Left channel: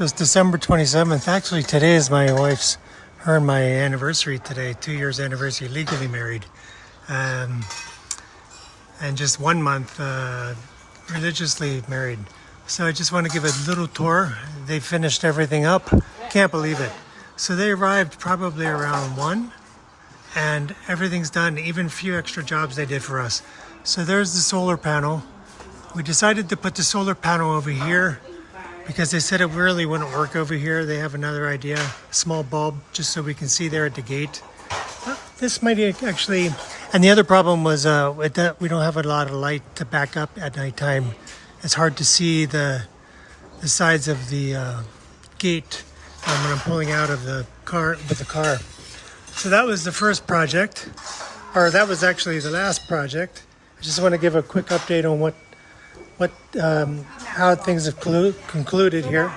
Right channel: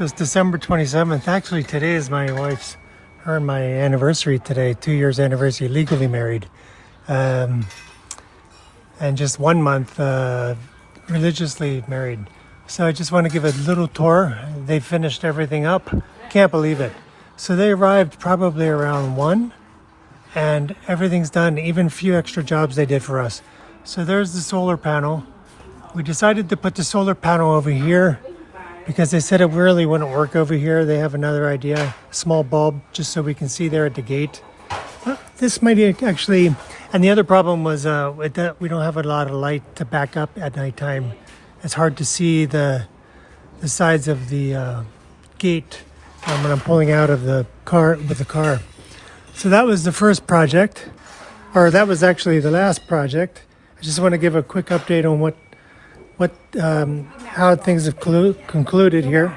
So it's December 27th. Actually, today is my wife's, her and my anniversary today, 2 years anniversary, legally married. And just 1 month religiously married. So I just want to give a little tour. They finished everything up. Can't believe it. So they arrived probably around 1 and everything's done, even a few extra jobs they did for us. So there's the solar panel. We decided to put the solar panel over here because they said it really wouldn't work over here. They have another idea, a small bulb, just so we can see there at the gate. This might actually, and the other problem was we don't have a lot of light to back up at nighttime. It's hard to see the sides of the gate when I'm pulling out of the car with the car. So that was the first project, or that was actually the last project. I just want to give a quick update on how things have concluded here.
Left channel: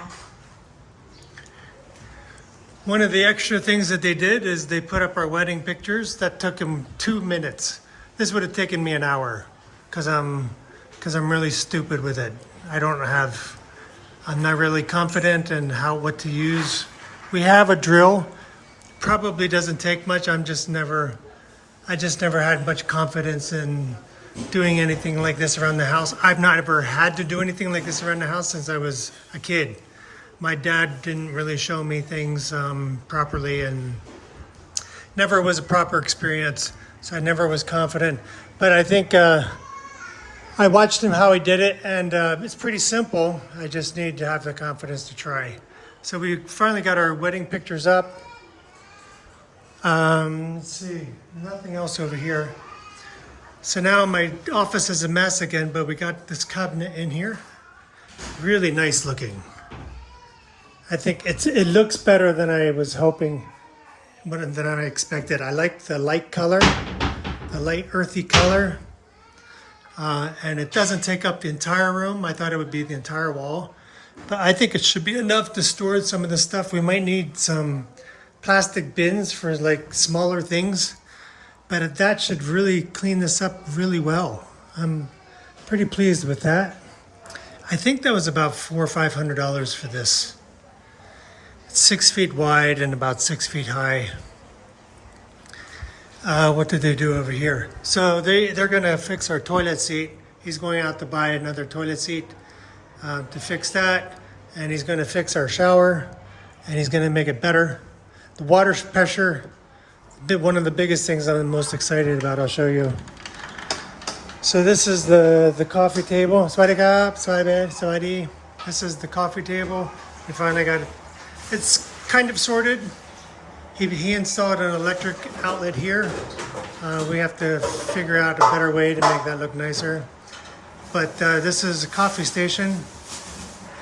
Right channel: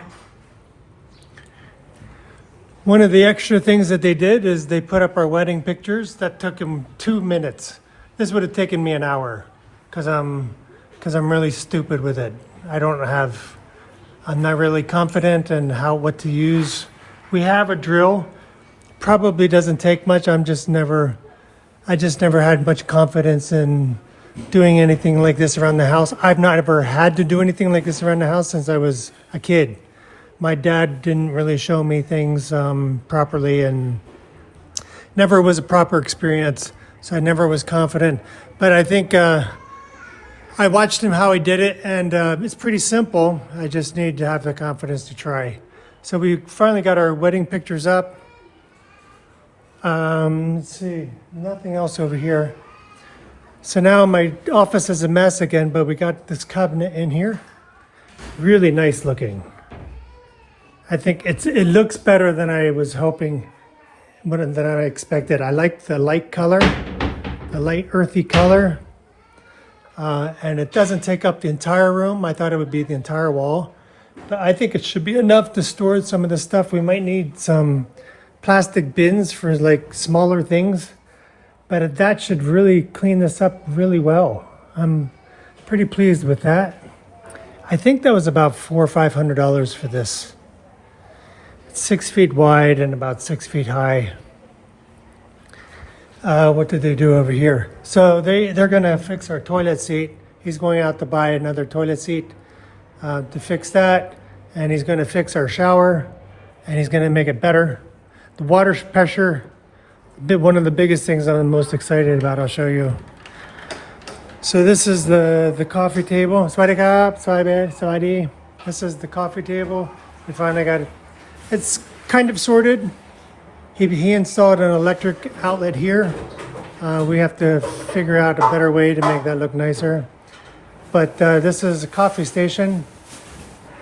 One of the extra things that they did is they put up our wedding pictures. That took them 2 minutes. This would have taken me an hour because I'm really stupid with it. I'm not really confident in what to use. We have a drill. Probably doesn't take much. I just never had much confidence in doing anything like this around the house. I've not ever had to do anything like this around the house since I was a kid. My dad didn't really show me things properly, and never was a proper experience, so I never was confident. But I think I watched him how he did it, and it's pretty simple. I just need to have the confidence to try. So we finally got our wedding pictures up. Let's see, nothing else over here. So now my office is a mess again, but we got this cabinet in here. Really nice looking. I think it looks better than I was hoping, than I expected. I like the light color, the light earthy color. And it doesn't take up the entire room. I thought it would be the entire wall. But I think it should be enough to store some of the stuff. We might need some plastic bins for like smaller things. But that should really clean this up really well. I'm pretty pleased with that. I think that was about $400 or $500 for this. It's 6 feet wide and about 6 feet high. What did they do over here? So they're gonna fix our toilet seat. He's going out to buy another toilet seat to fix that. And he's gonna fix our shower and he's gonna make it better. The water pressure, one of the biggest things that I'm most excited about, I'll show you. So this is the coffee table. Sawadi. This is the coffee table. We finally got it. It's kind of sorted. He installed an electric outlet here. We have to figure out a better way to make that look nicer. But this is a coffee station.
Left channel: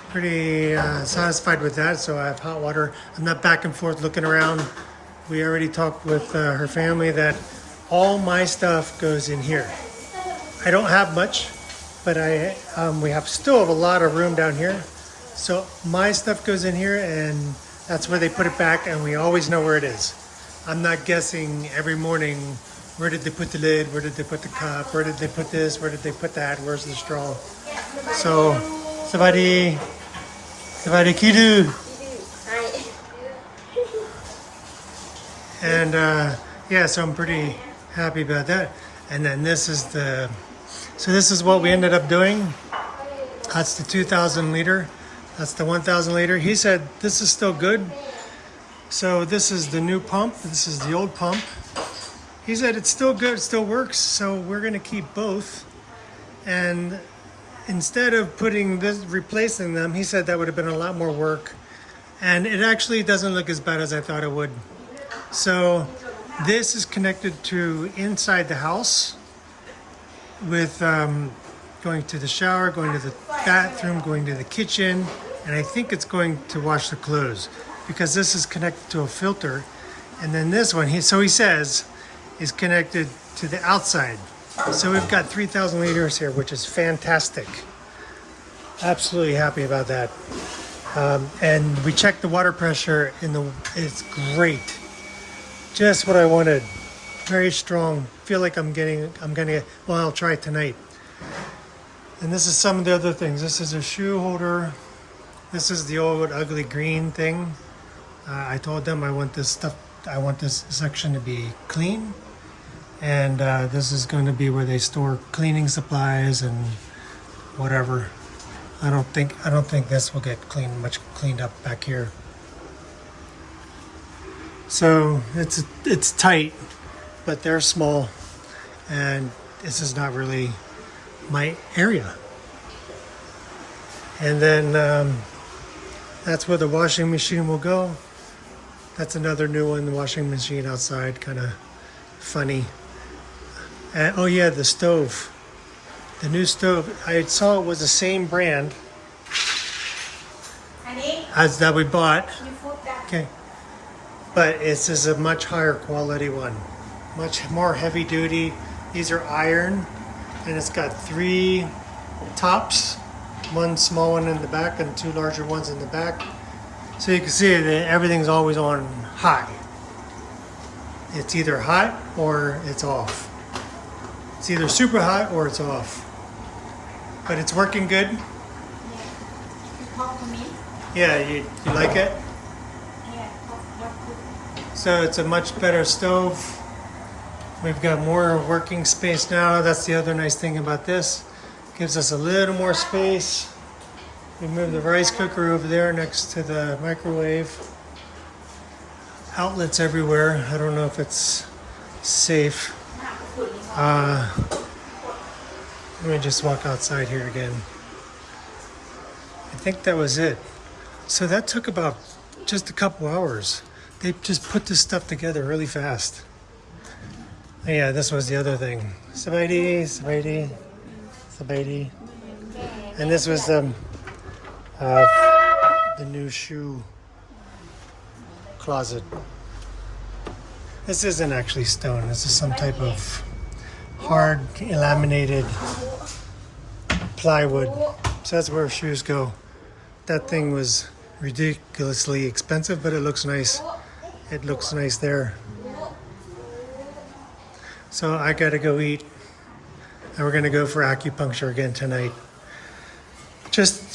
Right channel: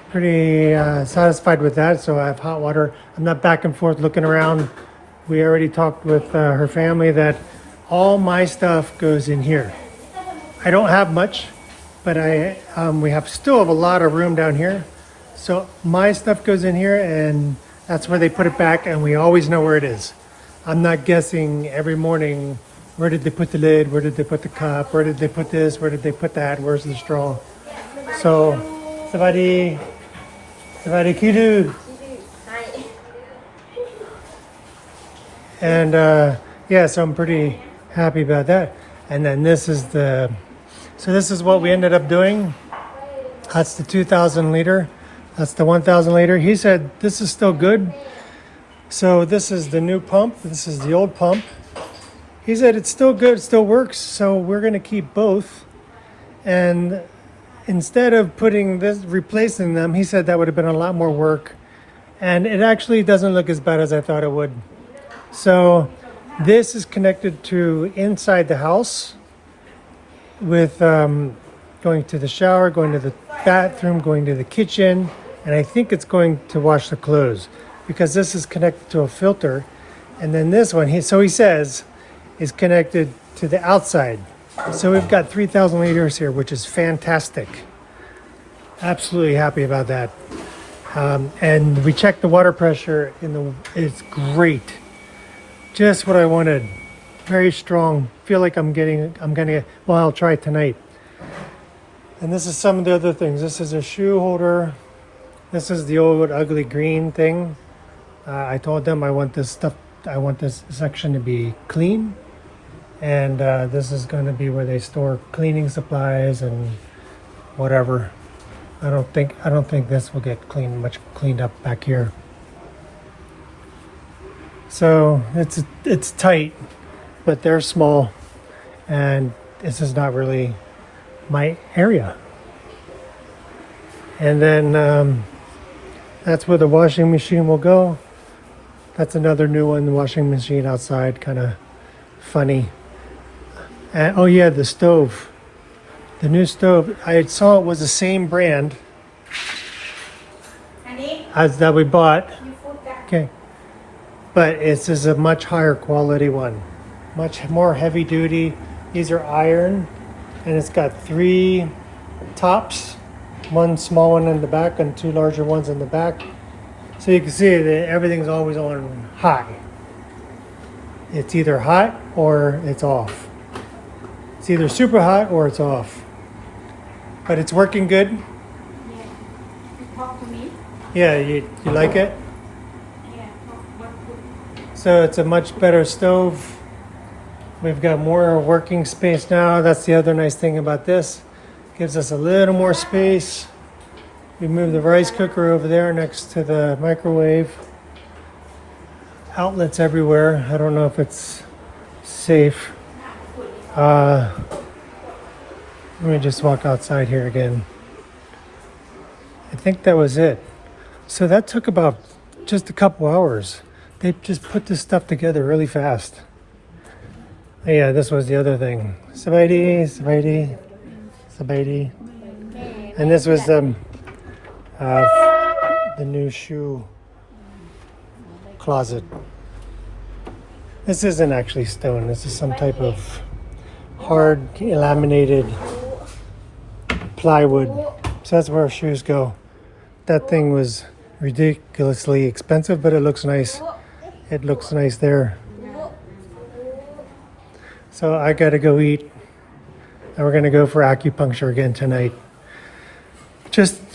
Pretty satisfied with that. So I have hot water. I'm not back and forth looking around. We already talked with her family that all my stuff goes in here. I don't have much, but we still have a lot of room down here. So my stuff goes in here and that's where they put it back, and we always know where it is. I'm not guessing every morning, where did they put the lid? Where did they put the cup? Where did they put this? Where did they put that? Where's the straw? So, Savadi Kidu. And yeah, so I'm pretty happy about that. And then this is what we ended up doing. That's the 2,000 liter. That's the 1,000 liter. He said this is still good. So this is the new pump. This is the old pump. He said it's still good, it still works. So we're gonna keep both. And instead of replacing them, he said that would have been a lot more work. And it actually doesn't look as bad as I thought it would. So this is connected to inside the house with going to the shower, going to the bathroom, going to the kitchen, and I think it's going to wash the clothes because this is connected to a filter. And then this one, he says, is connected to the outside. So we've got 3,000 liters here, which is fantastic. Absolutely happy about that. And we checked the water pressure it's great. Just what I wanted. Very strong. Feel like I'll try it tonight. And this is some of the other things. This is a shoe holder. This is the old ugly green thing. I told them I want this section to be clean, and this is going to be where they store cleaning supplies and whatever. I don't think this will get much cleaned up back here. So it's tight, but they're small, and this is not really my area. And then that's where the washing machine will go. That's another new one, the washing machine outside, kind of funny. And, oh yeah, the stove. The new stove, I saw it was the same brand as that we bought. Okay. But this is a much higher quality one. Much more heavy duty. These are iron, and it's got 3 tops. One small one in the back and 2 larger ones in the back. So you can see that everything's always on hot. It's either hot or it's off. It's either super hot or it's off. But it's working good. Yeah. You talk to me? Yeah, you like it? Yeah. What So it's a much better stove. We've got more working space now. That's the other nice thing about this. Gives us a little more space. You move the rice cooker over there next to the microwave. Outlets everywhere. I don't know if it's safe. Let me just walk outside here again. I think that was it. So that took about just a couple hours. They just put this stuff together really fast. Yeah, this was the other thing. Sabaidi. And this was the new shoe closet. This isn't actually stone. This is some type of hard laminated plywood. So that's where our shoes go. That thing was ridiculously expensive, but it looks nice. It looks nice there. So I gotta go eat, and we're gonna go for acupuncture again tonight.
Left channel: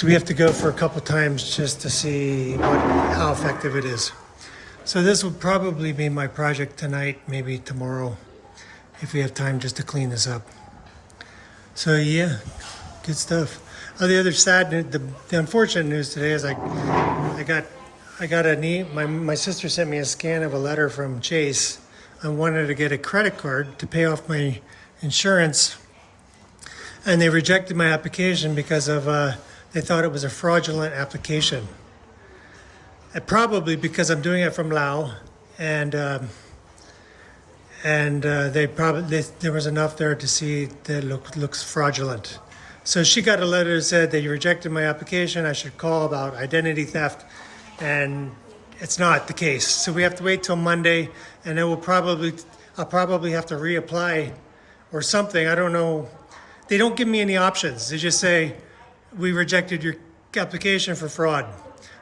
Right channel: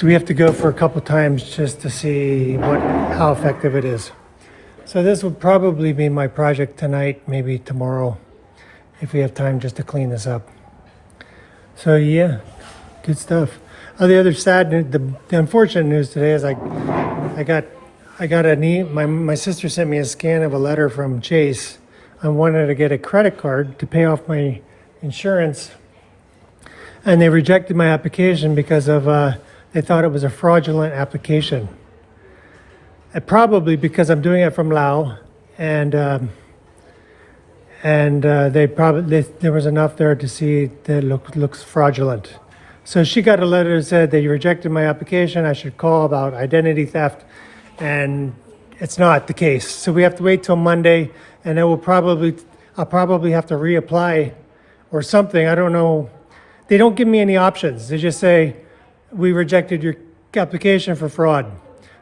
We have to go for a couple times just to see how effective it is. So this will probably be my project tonight, maybe tomorrow, if we have time just to clean this up. So yeah, good stuff. Oh, the other sad news, the unfortunate news today is I got my sister sent me a scan of a letter from Chase. I wanted to get a credit card to pay off my insurance, and they rejected my application because of they thought it was a fraudulent application. Probably because I'm doing it from Laos, and there was enough there to see that it looks fraudulent. So she got a letter that said they rejected my application. I should call about identity theft, and it's not the case. So we have to wait till Monday, and I'll probably have to reapply or something. I don't know. They don't give me any options. They just say, we rejected your application for fraud.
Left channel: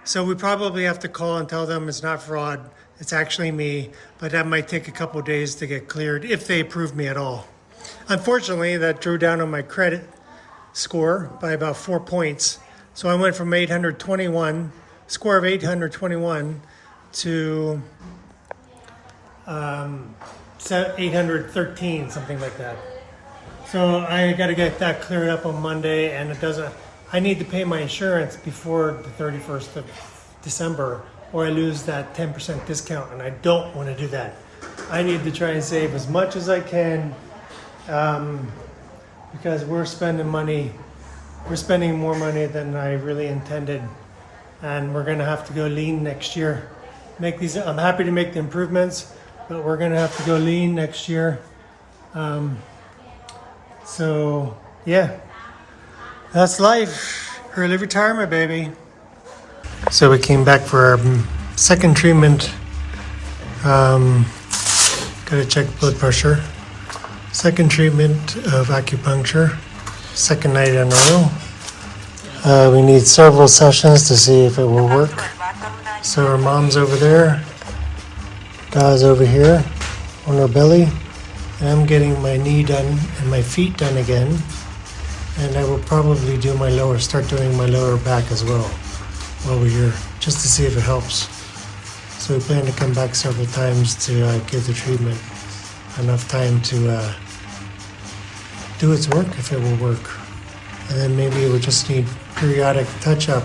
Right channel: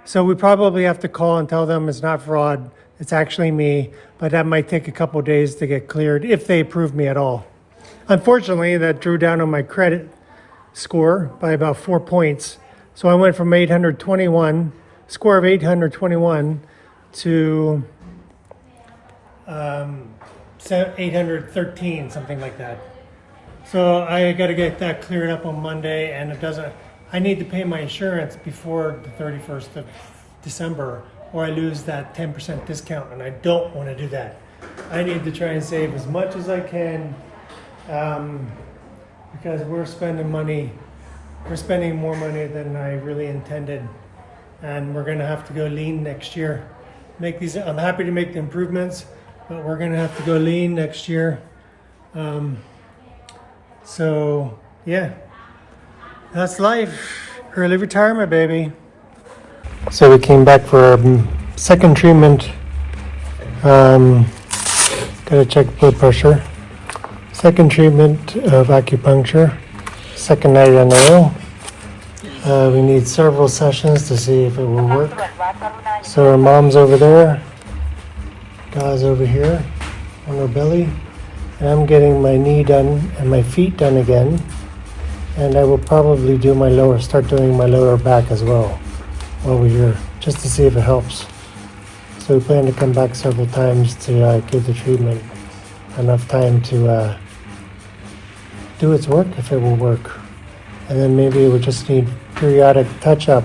So we probably have to call and tell them it's not fraud, it's actually me, but that might take a couple of days to get cleared if they approve me at all. Unfortunately, that drew down on my credit score by about 4 points. So I went from 821, score of 821 to 813, something like that. So I got to get that cleared up on Monday, and I need to pay my insurance before the 31st of December, or I lose that 10% discount, and I don't want to do that. I need to try and save as much as I can, because we're spending more money than I really intended, and we're going to have to go lean next year. I'm happy to make the improvements, but we're going to have to go lean next year. So yeah, that's life. Early retirement, baby. So we came back for our second treatment. Gotta check blood pressure. Second treatment of acupuncture. Second night in a row. We need several sessions to see if it will work. So our mom's over there. Da's over here on her belly. And I'm getting my knee done and my feet done again. And I will probably start doing my lower back as well. while we're here, just to see if it helps. So we plan to come back several times to give the treatment enough time to do its work, if it will work. And then maybe we'll just need periodic touch-up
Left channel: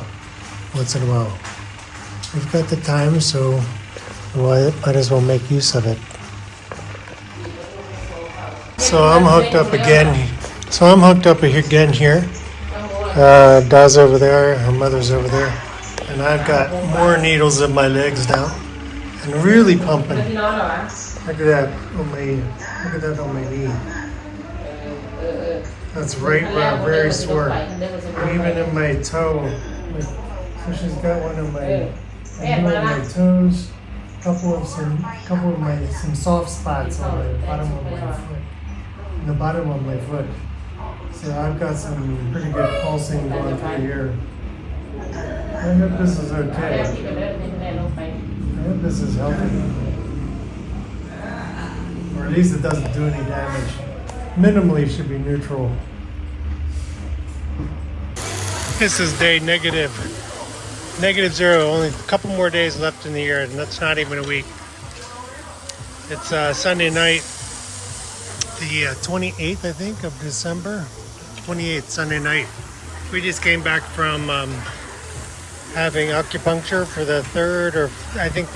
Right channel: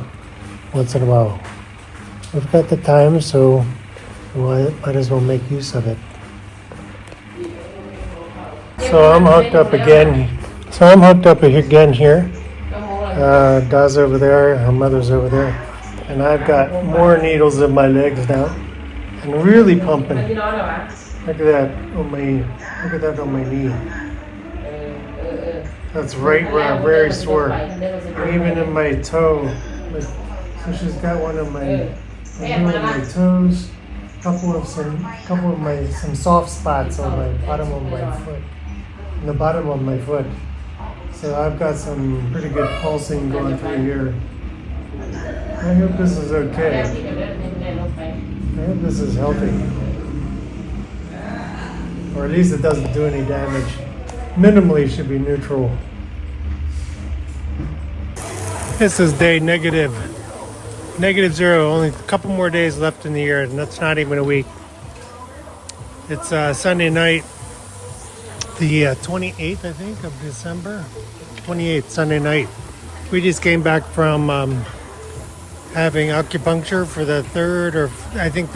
once in a while. We've got the time, so we might as well make use of it. So I'm hooked up again. Here. Da's over there, her mother's over there. And I've got more needles in my legs now. And really pumping. Look at that on my knee. That's right where I'm very sore. And even in my toe. So she's got one of my toes. Couple of some soft spots on the bottom of my foot. In the bottom of my foot. So I've got some pretty good pulsing going through here. I hope this is okay. I hope this is healthy. Or at least it doesn't do any damage. Minimally it should be neutral. This is day negative 0. Only a couple more days left in the year, and that's not even a week. It's Sunday night, the 28th, I think, of December. 28th, Sunday night. We just came back from having acupuncture for the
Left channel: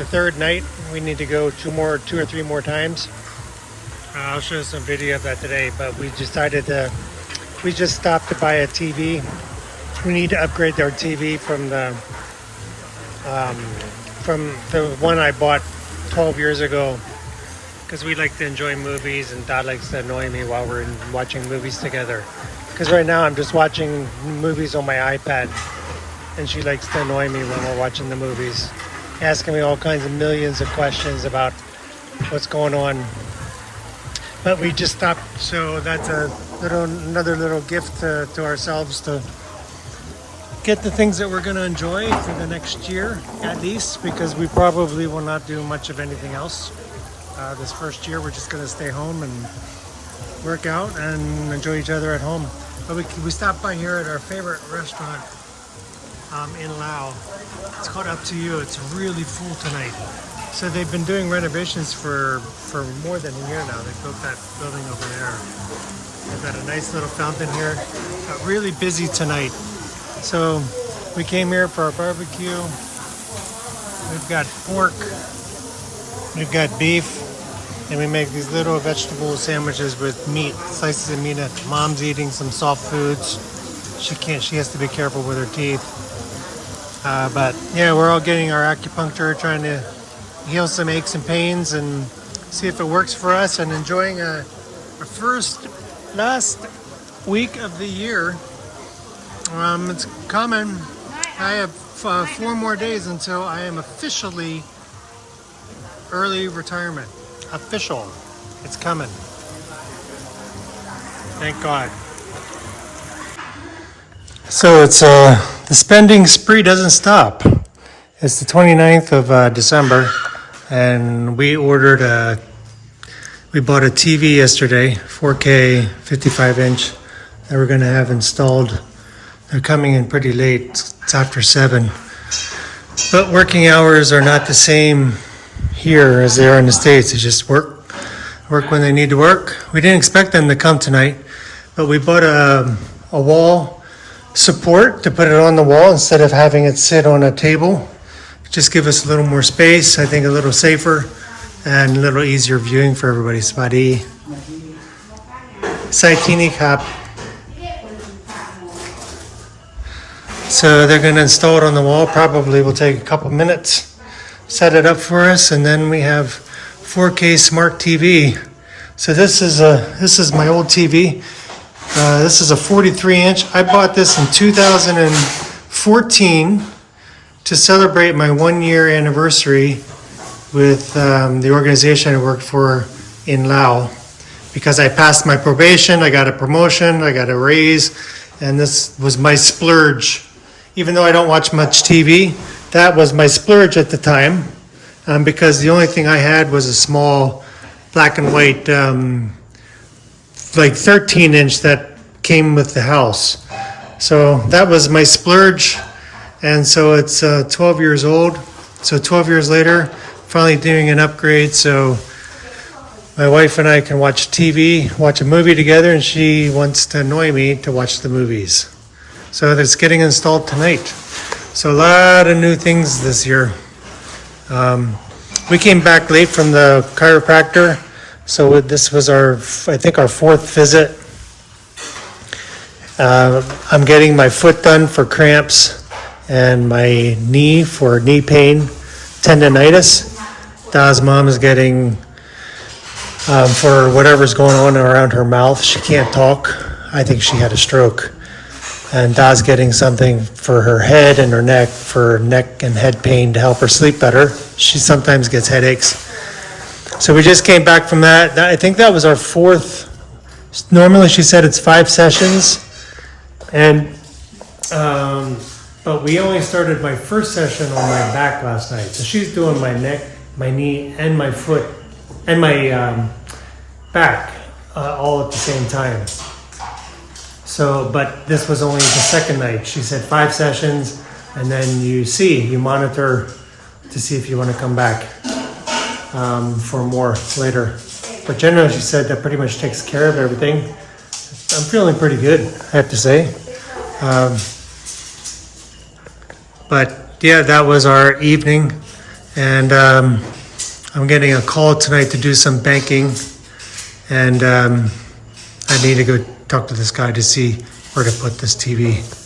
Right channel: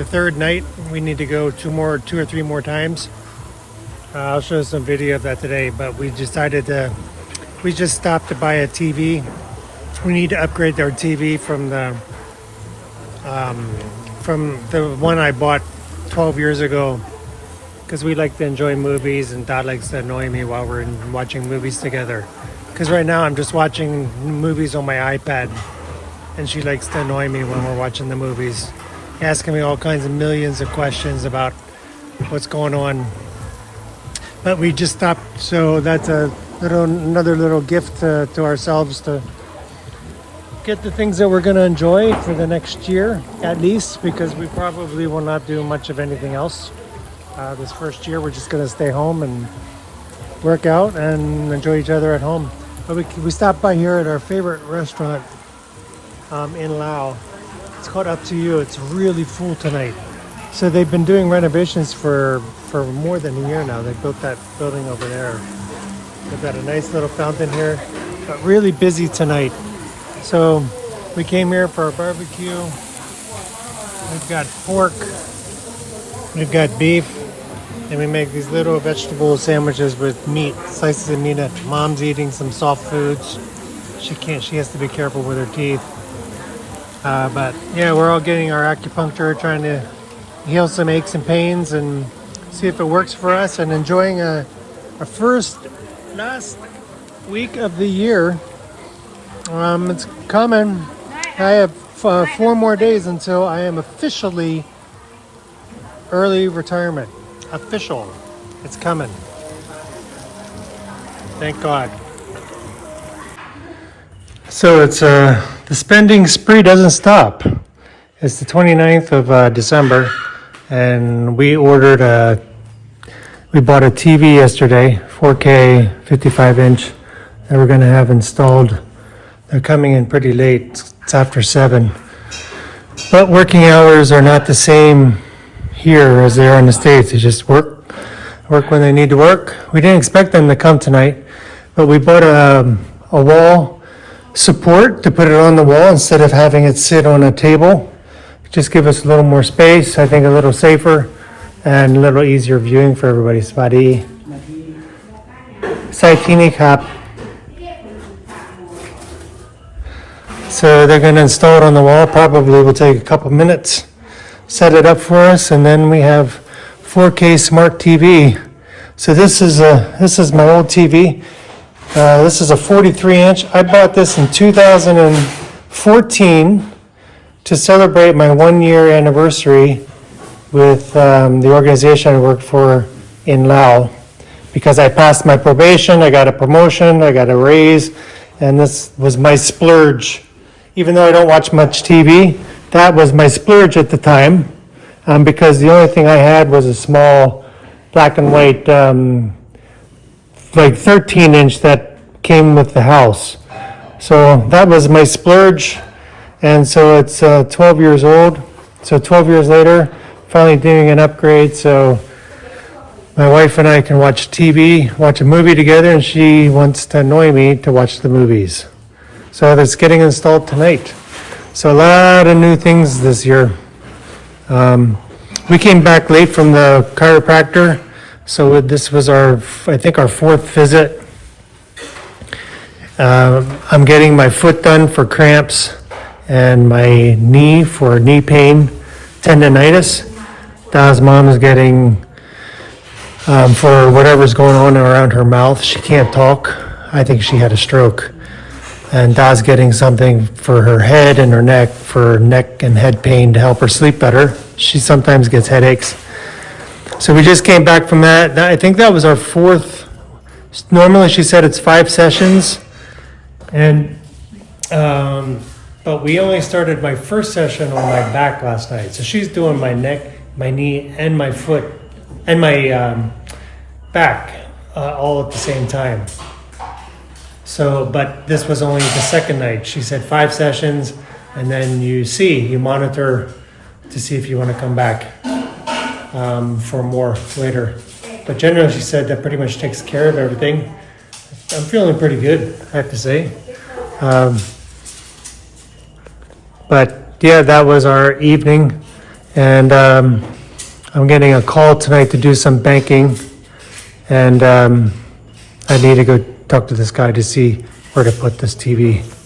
third night. We need to go two or three more times. I'll show some video of that today, but we just stopped to buy a TV. We need to upgrade our TV from the one I bought 12 years ago, because we like to enjoy movies and Dad likes to annoy me while we're watching movies together. Because right now I'm just watching movies on my iPad, and she likes to annoy me when we're watching the movies, asking me all kinds of millions of questions about what's going on. But we just stopped, so that's another little gift to ourselves to get the things that we're going to enjoy for the next year, at least, because we probably will not do much of anything else. This first year, we're just going to stay home and work out and enjoy each other at home. But we stopped by here at our favorite restaurant in Laos. It's called Up to You. It's really full tonight. So they've been doing renovations for more than a year now. They built that building over there. They've got a nice little fountain here, but really busy tonight. So we came here for our barbecue. We've got pork, we've got beef, and we make these little vegetable sandwiches with meat, slices of meat. Mom's eating some soft foods. She has to be careful with her teeth. But yeah, we're all getting our acupuncture, trying to heal some aches and pains and see if it works for us, and enjoying our last week of the year. It's coming. I have 4 more days until I am officially early retirement. Official. It's coming. Thank God. So it's the spending spree doesn't stop. It's the 29th of December, and we bought a TV yesterday, 4K 55-inch, that we're going to have installed. They're coming in pretty late. It's after 7. But working hours are not the same here as they are in the States. They just work when they need to work. We didn't expect them to come tonight, but we bought a wall support to put it on the wall instead of having it sit on a table. Just give us a little more space, I think a little safer, and a little easier viewing for everybody. Spadi. Saitini Cap. So they're going to install it on the wall. Probably will take a couple minutes. Set it up for us, and then we have 4K smart TV. So this is my old TV. This is a 43-inch. I bought this in 2014 to celebrate my 1-year anniversary with the organization I worked for in Laos, because I passed my probation, I got a promotion, I got a raise, and this was my splurge. Even though I don't watch much TV, that was my splurge at the time, because the only thing I had was a small black and white, like 13-inch that came with the house. So that was my splurge, And so it's 12 years old. So 12 years later, finally doing an upgrade. So my wife and I can watch TV, watch a movie together, and she wants to annoy me to watch the movies. So that's getting installed tonight. So a lot of new things this year. We came back late from the chiropractor. So this was I think our fourth visit. I'm getting my foot done for cramps and my knee for knee pain, tendonitis. Da's mom is getting for whatever's going on around her mouth. She can't talk. I think she got a stroke. And Da's getting something for her head and her neck, for neck and head pain to help her sleep better. She sometimes gets headaches. So we just came back from that. I think that was our fourth. Normally she said it's 5 sessions. And but we only started my first session on my back last night. So she's doing my neck, my knee, and my foot, and my back all at the same time. So, but this was only the second night. She said 5 sessions, and then you monitor to see if you want to come back for more later. But generally, she said that pretty much takes care of everything. I'm feeling pretty good, I have to say. But yeah, that was our evening, and I'm getting a call tonight to do some banking, and I need to go talk to this guy to see where to put this TV.